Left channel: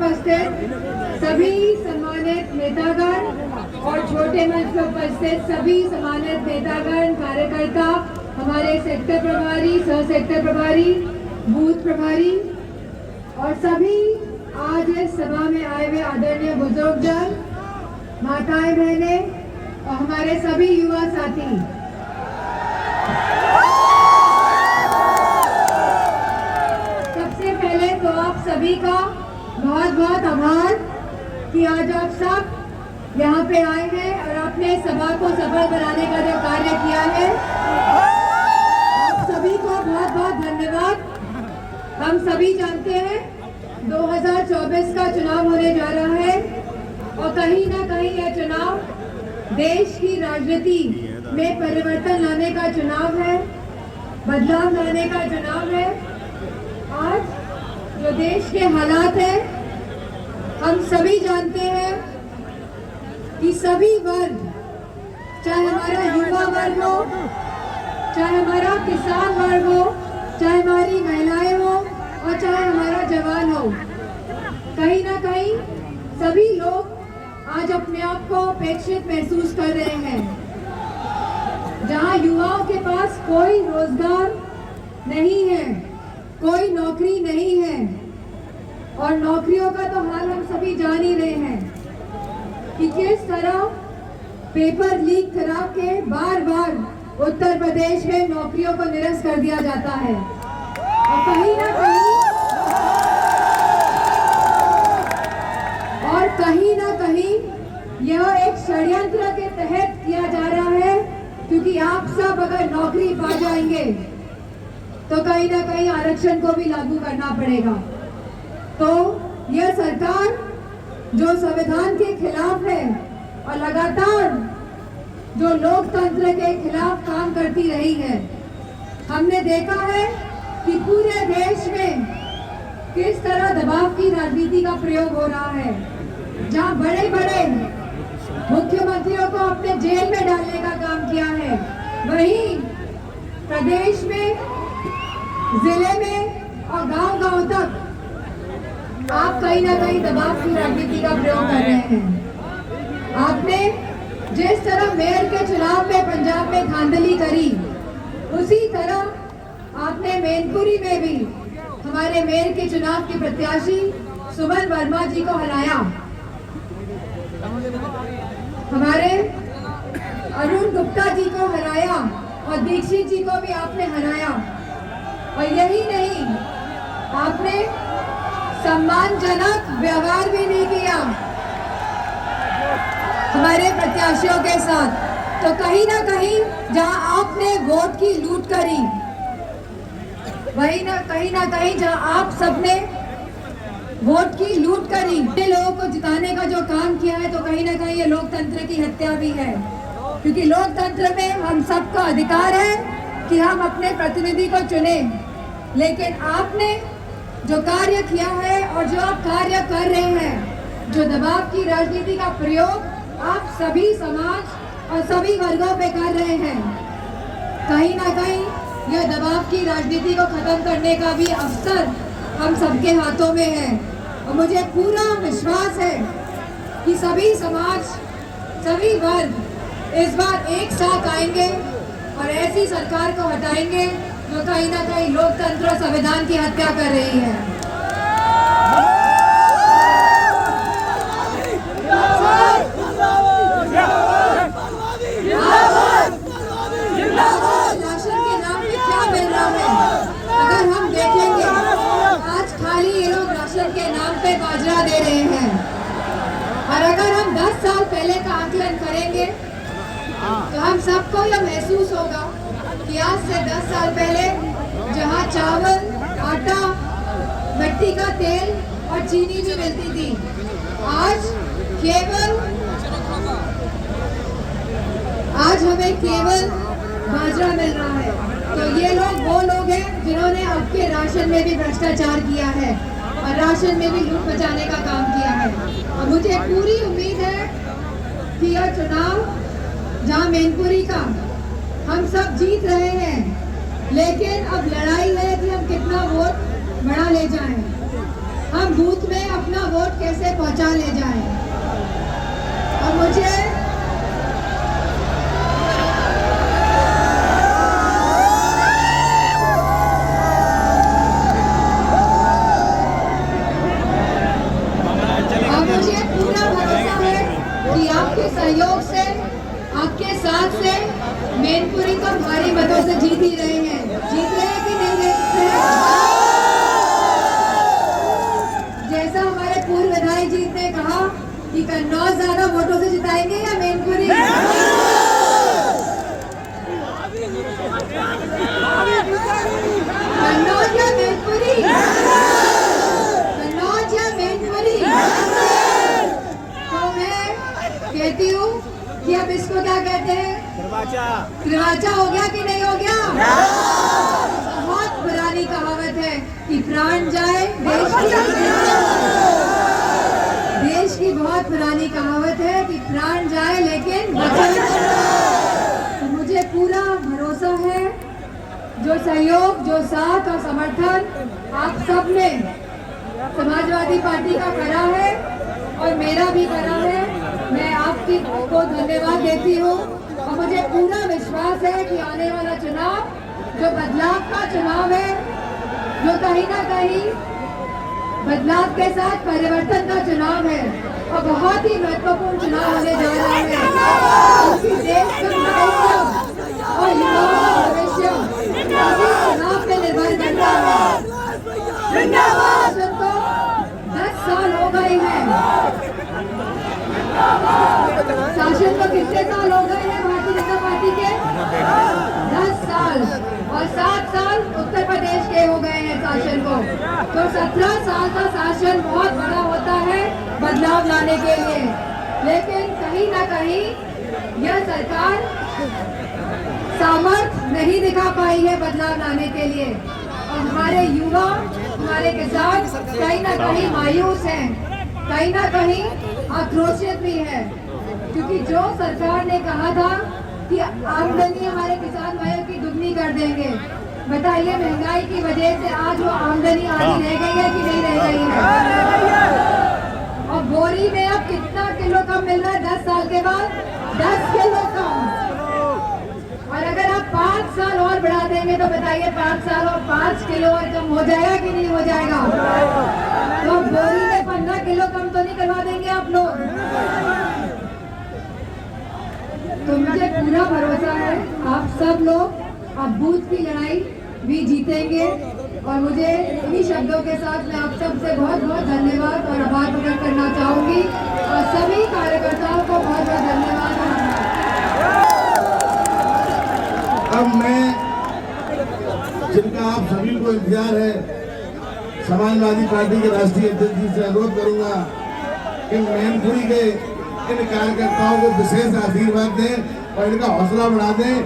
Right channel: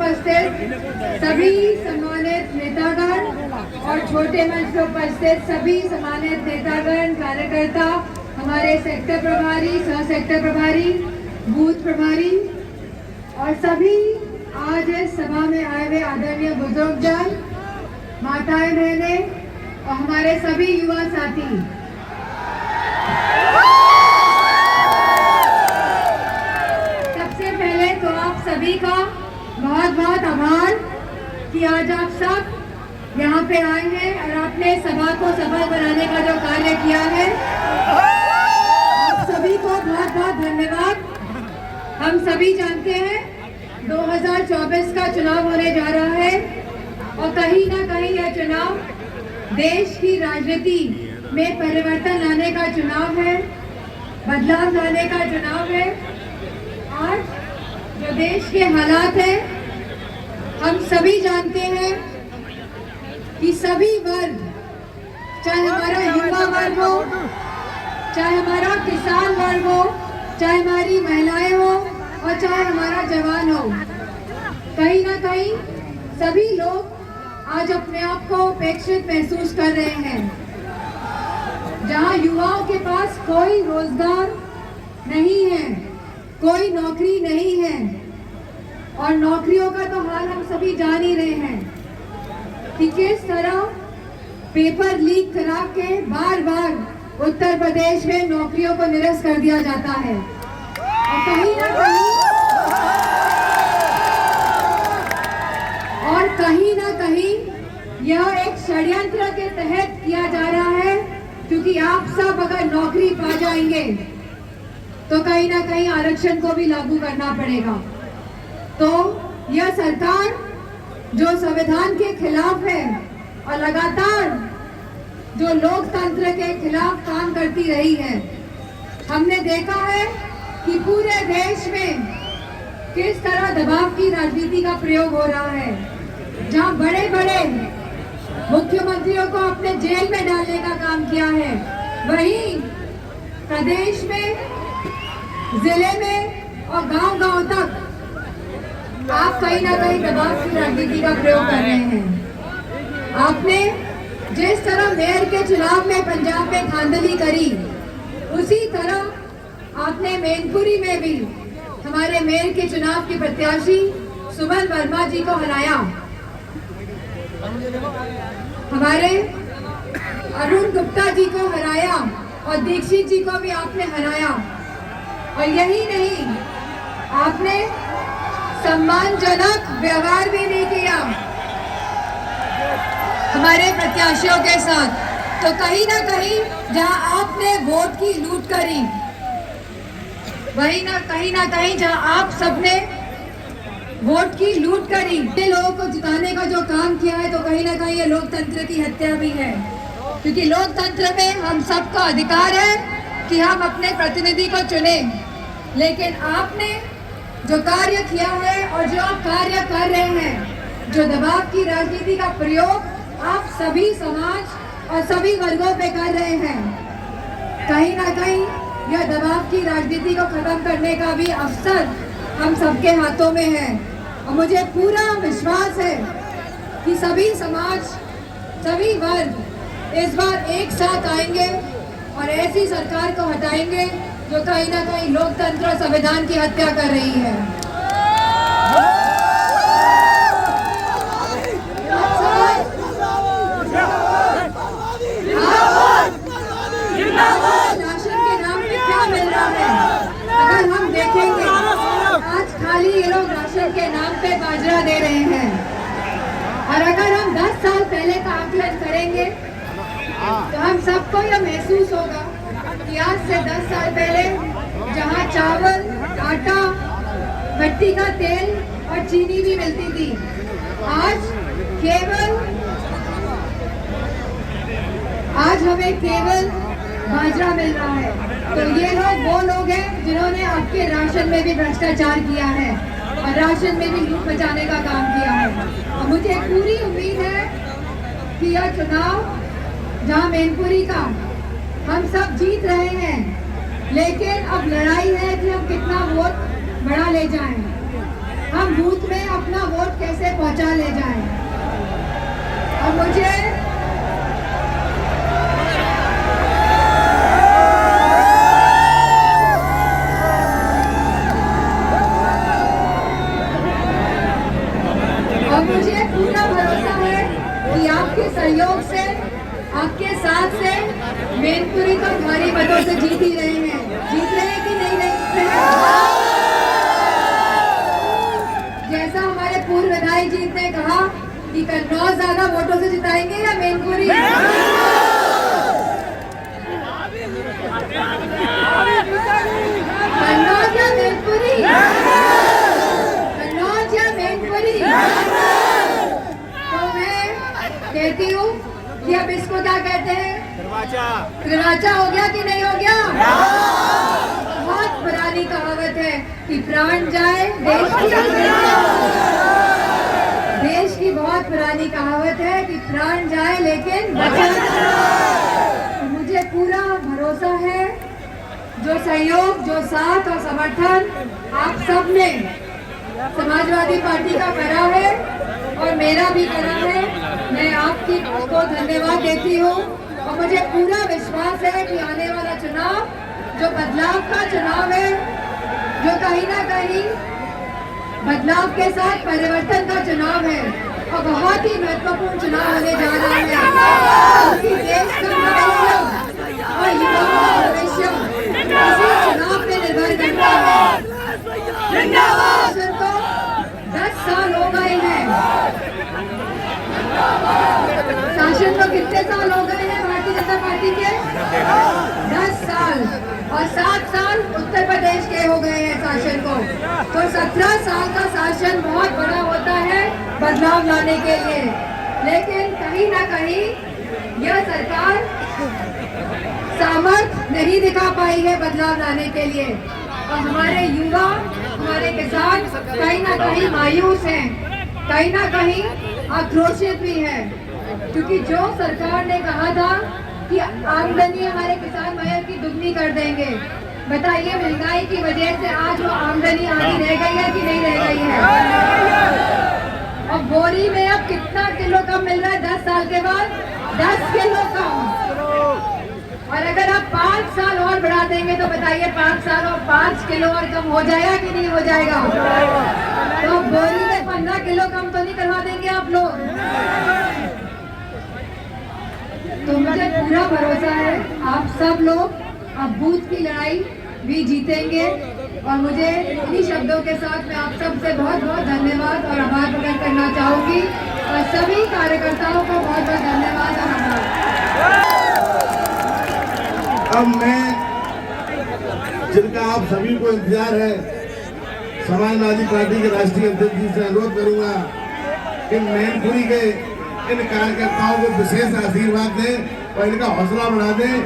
उपस्थित सभी सम्मानित नेतागण और छोटे मंच पर उपस्थित सभी सम्मानित नेतागण, कार्यकर्ता, हमारे सेक्टर प्रभारी, सह सेक्टर प्रभारी, बूथ प्रभारी और सभी आज इस सभा में आए हुए आदरणीय बुजुर्गजन, माताएं, बहनें और हमारे सभी युवा साथी, सबसे पहले तो आप सभी का बहुत बहुत आभार कि आज आप सब यहाँ पे आए हैं और आपने सभा को सफल बनाने का जो कार्य किया है, आप सभी को बहुत बहुत धन्यवाद। हम सभी जानते हैं 2024 का चुनाव होने जा रहा है और कहीं ना कहीं यह चुनाव देश की राजनीति में परिवर्तन लाने का चुनाव है, बदलाव लाने का चुनाव है। आज जो देश के हालात हैं, हम सभी जानते हैं कि सभी वर्ग, चाहे हमारा युवा वर्ग हो, चाहे हमारा किसान वर्ग हो, चाहे हमारी महिलाएं हो और चाहे हमारा जवान हो, कहीं ना कहीं सभी लोग आज अपने आप को उपेक्षित महसूस कर रहे हैं। जहां युवाओं के पास कोई रोजगार नहीं है, कोई नौकरी नहीं है और नौकरियों का तो हाल हम सभी जान ही रहे हैं कि किस तरह पेपर लीक करा के बार बार उत्तर प्रदेश में नौकरियों को निरस्त कर दिया जाता है और कहीं ना कहीं यह एक षड्यंत्र के तहत किया जा रहा है, क्योंकि आप सब अगर नौकरी पा जाएंगे तो कहीं ना कहीं आरक्षण को भी लागू करना पड़ेगा। तो यह सरकार जो संविधान के खिलाफ है और लगातार जो लोकतंत्र के खिलाफ काम करती रही है, हमने देखा है कि पूरे देश में किस तरह दबाव की राजनीति का प्रयोग हो रहा है। जहां बड़े बड़े मुख्यमंत्रियों को अपने जेल में डालने का काम किया है, वहीं प्रदेश में, जिले में और गांव-गांव तक आप कहीं ना कहीं दबाव की राजनीति का प्रयोग कर रहे हैं। आपने जिस तरह मेयर के चुनाव में पंजाब में धांधली करी, उसी तरह आपने मैनपुरी में भी हमारे मेयर के चुनाव की प्रत्याशी सुमन वर्मा जी को हराया। हमारे अरुण गुप्ता जी को हराया और दीक्षित जी को भी आपने हराया। और यही नहीं, आपने सम्मानजनक व्यवहार भी नहीं किया हमारे प्रत्याशियों के साथ। तो कहीं ना कहीं जहां आपने वोट की लूट करी, वही ना कहीं जहां आप सबने वोट की लूट करी, लोगों को जिताने का जो काम किया है, तो कहीं ना कहीं ये लोकतंत्र की हत्या भी है। क्योंकि लोकतंत्र में हम सबका अधिकार है कि हम अपने प्रतिनिधि को चुने, लेकिन आपने जो कार्य किया है और जो आप कार्य कर रहे हैं, जो दबाव की राजनीति का प्रयोग आप सभी समाज और सभी वर्गों पे कर रहे हैं, कहीं ना कहीं यह दबाव की राजनीति को खत्म करने का भी अवसर हम सबके हाथों में है। और मुझे पूरा विश्वास है कि सभी समाज, सभी वर्ग इस बार एक साथ आएंगे और ऐसी सरकार को हटाएंगे जो कहीं ना कहीं लोकतंत्र और संविधान की हत्या कर रही है। राशन के नाम पे क्या मिल रहा है? अगर हम देखेंगे, आज खाली ये लोग राशन के नाम पे बाजरा दे रहे हैं। और अगर हम 10 साल पहले का आकलन करेंगे तो हम सबको यह महसूस होगा कि आज से 10 साल पहले जहां चावल, आटा, मिट्टी का तेल और चीनी भी मिलती थी, आज हमें केवल बाजरा मिल रहा है। तो ये लोग वो लोग हैं जिन्होंने आपके राशन में भी भ्रष्टाचार किया है और राशन में भी लूट मचाने का काम किया है। और मुझे पूरी उम्मीद है कि यह चुनाव, जहां मैनपुरी का हम सब जीत रहे हैं, लेकिन अब लड़ाई है कि हम कितना वोट बढ़ा ले जाएं। हम बूथ में अपना वोट तक कैसे पहुंचा ले जाए। और मुझे पूरा भरोसा है कि आपके सहयोग से, आपके साथ से मैनपुरी तो भारी मतों से जीत ही रहे हैं। जीत रहे हैं कि नहीं रहे? जैसा हमारे पूर्व विधायक जी ने कहा कि कन्नौज ज्यादा वोटों से जिताएंगे या मैनपुरी? कन्नौज या मैनपुरी? कन्नौज या मैनपुरी? तो मैं कहती हूँ कि अब इसको क्या कहते हैं? त्रिवाचा हो गया कि नहीं हो गया? बहुत पुरानी कहावत है कि प्राण जाए देश की बहुत पुरानी कहावत है कि प्राण जाए लेकिन बचे। मुझे पूरा भरोसा है, जो सहयोग, जो साथ और समर्थन आप सब ने समाजवादी पार्टी का करा है और मेरा भी करा है, मैं आपकी को धन्यवाद देती हूँ। और मुझे पूरा विश्वास है कि आने वाला चुनाव जो बदलाव का चुनाव है, जो कहीं ना कहीं बदलाव के साथ परिवर्तन का चुनाव है और बहुत ही महत्वपूर्ण चुनाव होने जा रहा है। क्योंकि देश का भविष्य और युवाओं का भविष्य इसी चुनाव पे निर्भर करता है। शासन को 10 साल हो गए हैं। शासन को कितने साल हो गए हैं भारतीय जनता पार्टी के? 10 साल। और 7 साल उत्तर प्रदेश के हो गए हैं शासन को। तो 17 साल का शासन बहुत बड़ा होता है बदलाव लाने के लिए। लेकिन कहीं ना कहीं यह सरकार सामर्थ्य नहीं दिखा पाई है बदलाव लाने के लिए। और हमारे युवा, हमारे किसान कहीं ना कहीं मायूस हैं, कहीं ना कहीं आक्रोशित भी है। क्योंकि जो सरकार ने कहा था कि आमदनी हमारे किसान भाइयों की दुगनी कर देंगे, बताइए महंगाई की वजह से आज वो आमदनी आधी रह गई है कि नहीं रह गई है? और बोरी में अब कितना किलो कम मिल रहा है 10 साल के बाद? 10 किलो कम। और अगर आप 5 साल और बढ़ा देंगे तो बताइए 5 साल और 5 किलो और कम हो जाएगा कि नहीं हो जाएगा? तो अब बोरी में 15 किलो कम तो नहीं करवा देंगे आप लोग? तो मुझे पूरा भरोसा है आप सब लोग अब बूथ की लड़ाई भी जीतेंगे। और मुझे इन्हीं शब्दों के साथ मैं आप सब से बहुत बहुत धन्यवाद और आभार प्रकट करना चाहूंगी और सभी कार्यकर्ताओं को बहुत बहुत धन्यवाद और आभार। अब मैं, जिनका आप सभी को इंतजार है, समाजवादी पार्टी के राष्ट्रीय अध्यक्ष जी से अनुरोध करूंगा कि मैनपुरी के इन कार्यकर्ताओं को विशेष आशीर्वाद दें और इनका हौसला बढ़ा दें।